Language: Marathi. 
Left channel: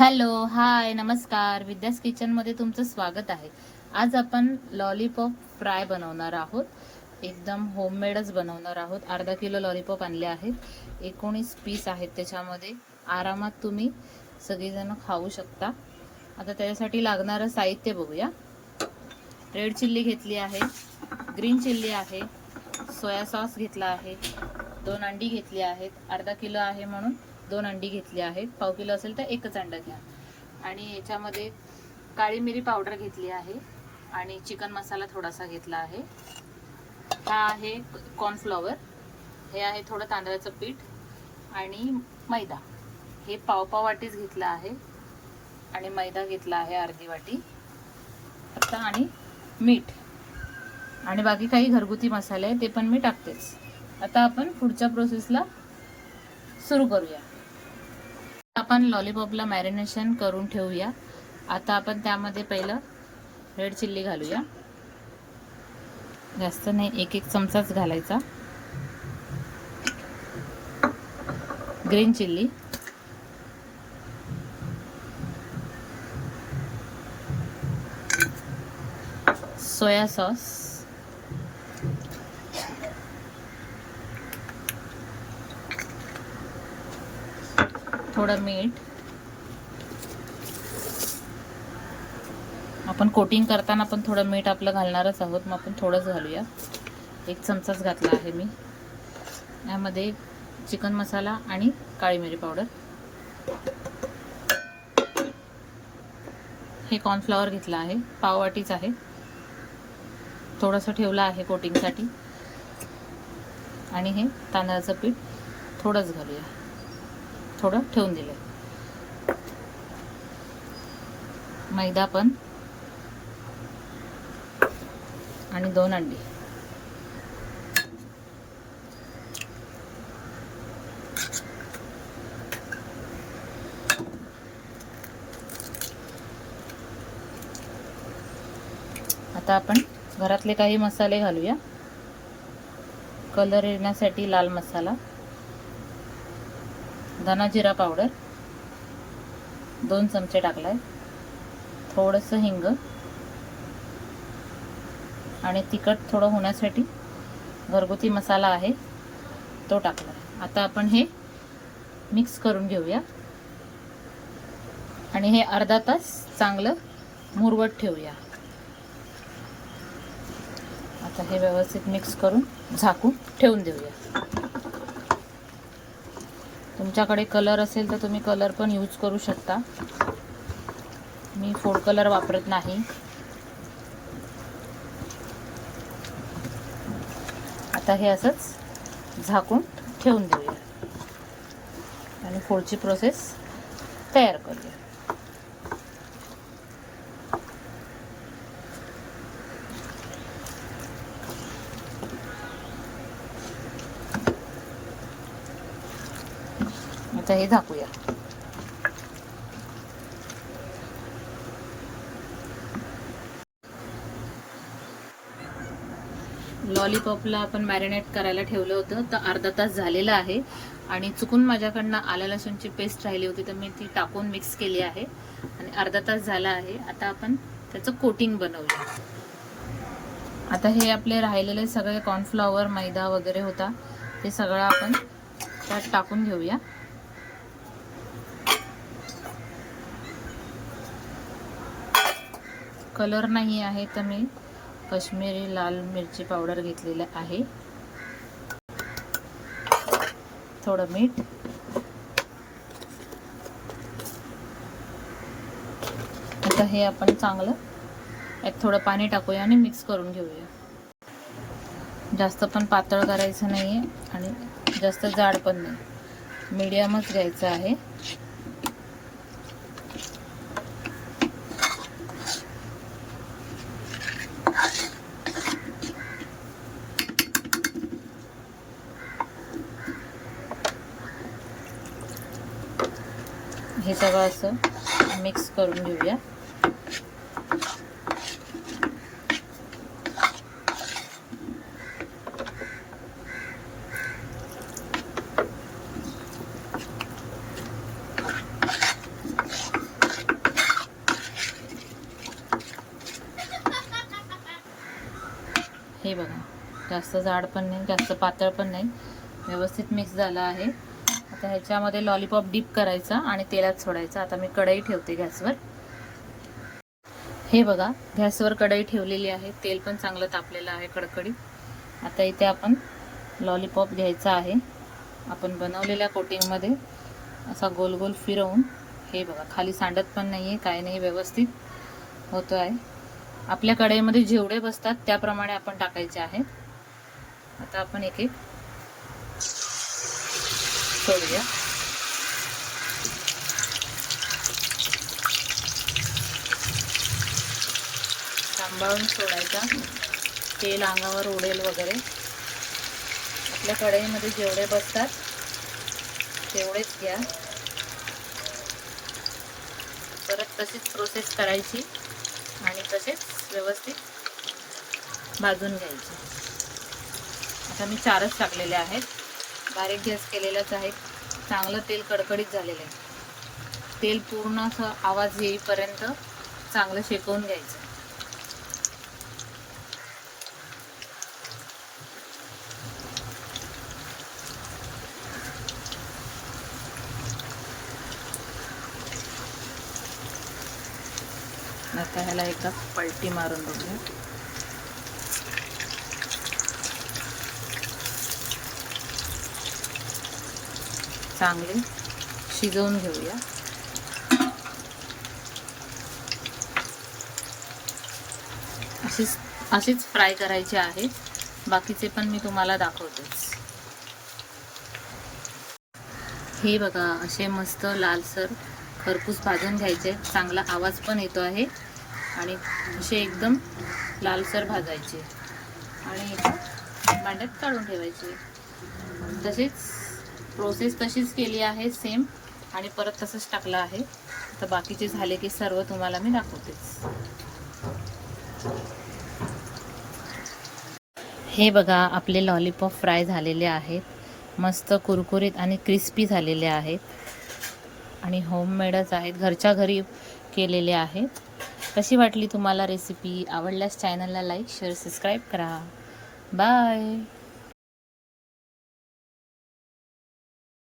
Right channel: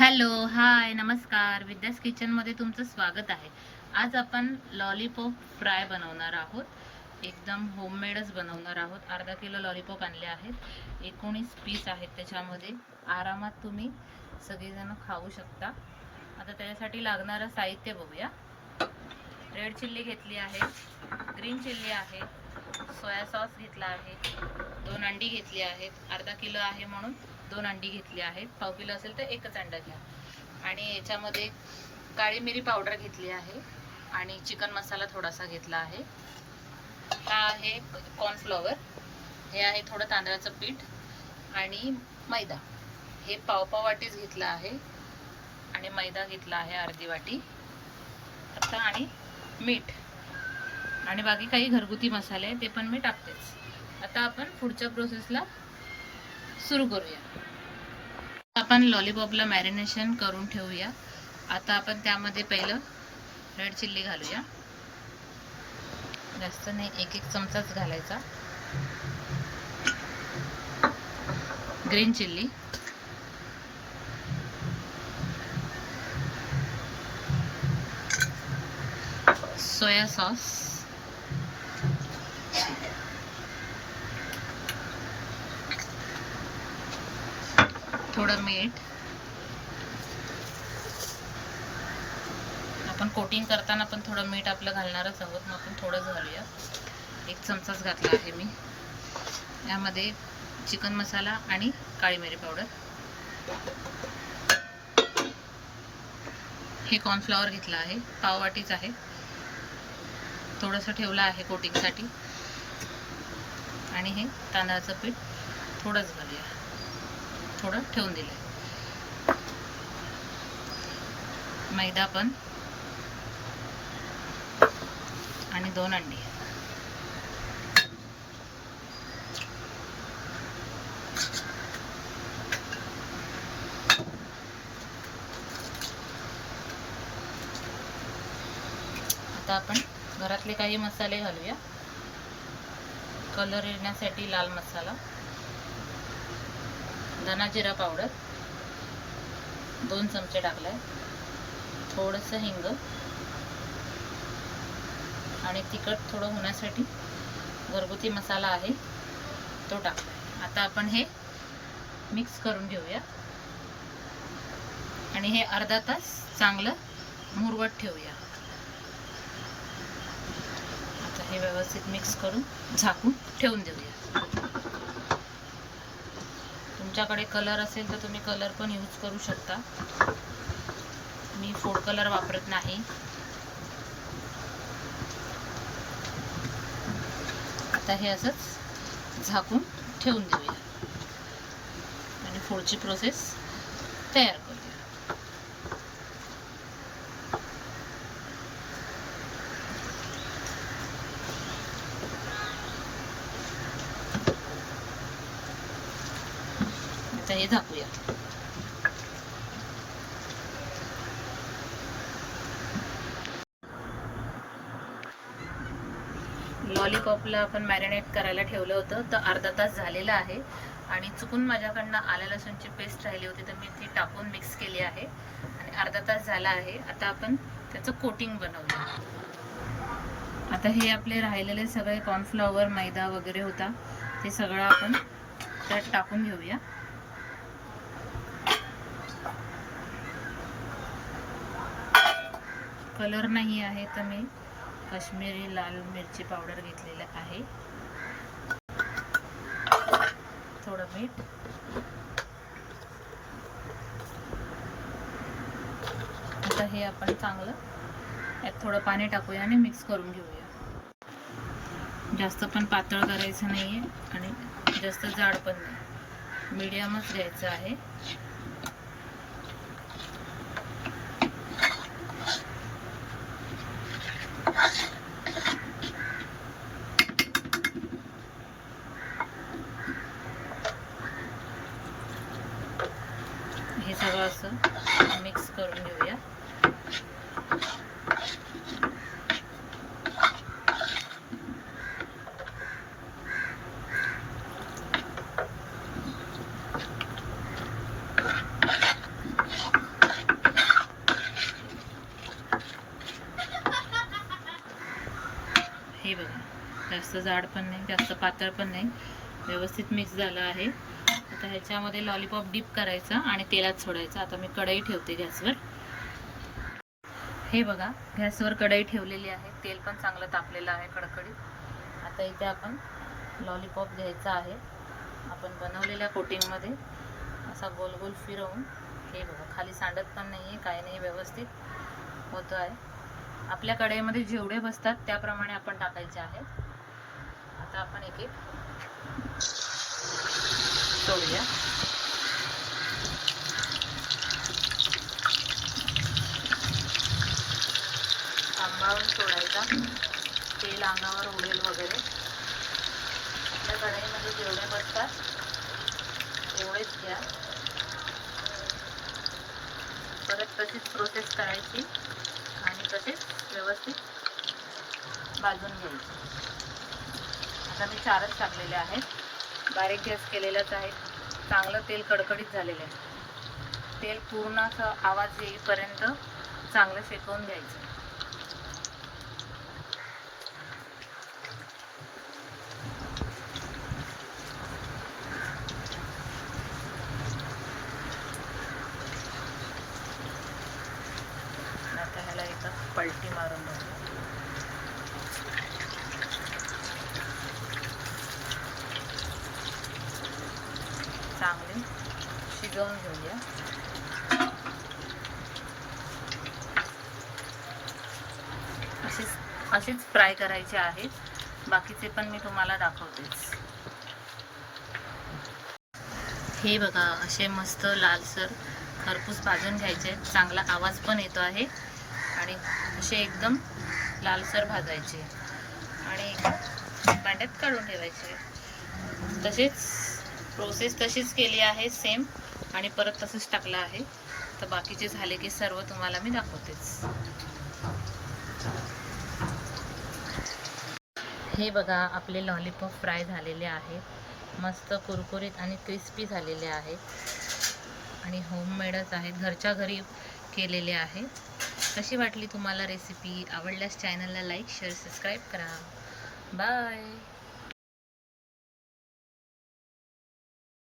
हॅलो, हाय, नमस्कार. विद्यास किचनमध्ये तुमचं स्वागत आहे. आज आपण लॉलीपॉप फ्राय बनवणार आहोत. एकदम होममेडच बनवणार आहोत. अर्धा किलो लॉलीपॉप आणले आहेत. 19 पीस आहेत त्याच्यामध्ये. आरामात तुम्ही सगळेजण खाऊ शकता. आता त्याच्यासाठी लागणारं साहित्य बघूया. रेड चिल्ली घेतली आहे, ग्रीन चिल्ली आहे, सोया सॉस घेतला आहे, 2 अंडी घेतली आहेत. अर्धा किलो आहे म्हणून 2 अंडी घेतली आहेत. पाव किलो असेल तर एकच अंडा घ्या. आणि याच्यामध्ये काळी मिरी पावडर घेतली आहे आणि चिकन मसाला थोडासा घेतला आहे. हा आहे कॉर्नफ्लॉवर, हे आहे थोडं तांदळाचं पीठ आणि मैदा. हे पाव वाटीच घेतला आहे आणि मैदा घेतला आहे अर्धी वाटी. आता आणि मीठ आणि बाकी काही घरगुती मसाले आहे ते पण मी टाकतेच. आता आपण पुढच्या प्रोसेसला सुरू करूया. आपण लॉलीपॉपला मॅरिनेशन करून ठेवूया. आता आपण त्यामध्ये पहिलं रेड चिल्ली घालूया. जास्त नाही, एक चमचाच घालायचा. ग्रीन चिल्ली, सोया सॉस, थोडं मीठ. आपण कोटिंग करताना पण थोडं मीठ आपलं घालणारच आहोत, मग आपण थोडंच घालूया. 1 चमचाच घातला आहे मी. यामध्ये चिकन मसाला आणि काळी मिरी पावडर. हे कॉर्नफ्लॉवर घेतला आहे, पाव वाटीच आहे. थोडंसं ठेवलं आहे कोटिंगसाठी. आणि हे तांदळाचं पीठ थोडंच घालूया, थोडं ठेवून दिलं आहे. मैदा पण आणि 2 अंडी. आता आपण घरातले काही मसाले घालूया. कलर येण्यासाठी लाल मसाला, धना जिरा पावडर 2 चमचे टाकलाय, थोडंसं हिंग आणि तिखट थोडं होण्यासाठी घरगुती मसाला आहे तो टाकलाय. आता आपण हे मिक्स करून घेऊया आणि हे अर्धा तास चांगलं मुरवत ठेवूया. आता हे व्यवस्थित मिक्स करून झाकून ठेवून देऊया. तुमच्याकडे कलर असेल तर तुम्ही कलर पण यूज करू शकता. मी फूड कलर वापरत नाही. आता हे असंच झाकून ठेवून देऊया आणि पुढची प्रोसेस तयार करूया. आता हे झाकूया. लॉलीपॉपला आपण मॅरिनेट करायला ठेवलं होतं तर अर्धा तास झालेला आहे आणि चुकून माझ्याकडनं आलं लसूणची पेस्ट राहिली होती तर मी ती टाकून मिक्स केली आहे आणि अर्धा तास झाला आहे. आता आपण त्याचं कोटिंग बनवूया. आता हे आपले राहिलेले सगळे कॉर्नफ्लॉवर, मैदा वगैरे होता ते सगळं आपण त्यात टाकून घेऊया. कलर नाही आहे तर मी काश्मीरी लाल मिरची पावडर घेतलेली आहे. थोडं मीठ, आता हे आपण चांगलं यात थोडं पाणी टाकूया आणि मिक्स करून घेऊया. जास्त पण पातळ करायचं नाहीये आणि जास्त जाड पण नाही, मीडियमच घ्यायचं आहे. हे सगळं असं मिक्स करून घेऊया. जास्त जाड पण नाही, जास्त पातळ पण नाही, व्यवस्थित मिक्स झाला आहे. आता ह्याच्यामध्ये लॉलीपॉप डिप करायचा आणि तेलात सोडायचा. आता मी कढई ठेवते गॅसवर. हे बघा, गॅसवर कढई ठेवलेली आहे. तेल पण चांगलं तापलेलं आहे कडकडीत. आता इथे आपण लॉलीपॉप घ्यायचा आहे. आपण बनवलेल्या कोटिंगमध्ये असा गोल गोल फिरवून, हे बघा खाली सांडत पण नाही आहे, काय नाही, व्यवस्थित होतो आहे. आपल्या कढईमध्ये जेवढे बसतात त्याप्रमाणे आपण टाकायचे आहे. आता आपण एक एक सोडूया. सांभाळून सोडायचा, तेल अंगावर उडेल वगैरे. आपल्या कढईमध्ये जेवढे बसतात तेवढेच घ्या. परत तशीच प्रोसेस करायची आणि तसेच व्यवस्थित भाजून घ्यायचे. आता मी 4च टाकलेले आहेत. बारीक गॅस केलेलाच आहे. चांगलं तेल कडकडीत झालेलं आहे. तेल पूर्ण असं आवाज येईपर्यंत चांगलं शेकवून घ्यायचं. आता ह्याला एका पलटी मारून घेऊया. चांगली शिजवून घेऊया. अशीच फ्राय करायचे आहेत. बाकीचे पण मी तुम्हाला दाखवतेच. हे बघा, असे मस्त लालसर खरपूस भाजून घ्यायचे. चांगला आवाज पण येतो आहे आणि असे एकदम लालसर भाजायचे आणि भांड्यात काढून ठेवायचे. तसेच प्रोसेस तशीच केली आहे सेम, आणि परत तसंच टाकलं आहे. तर बाकीचे झाले की सर्व तुम्हाला मी दाखवतेच. हे बघा, आपले लॉलीपॉप फ्राय झालेले आहेत. मस्त कुरकुरीत आणि क्रिस्पी झालेले आहेत आणि होममेडच आहेत, घरच्या घरी केलेले आहेत. कशी वाटली तुम्हाला रेसिपी? आवडल्यास चॅनलला लाईक, शेअर, सबस्क्राईब करा. बाय.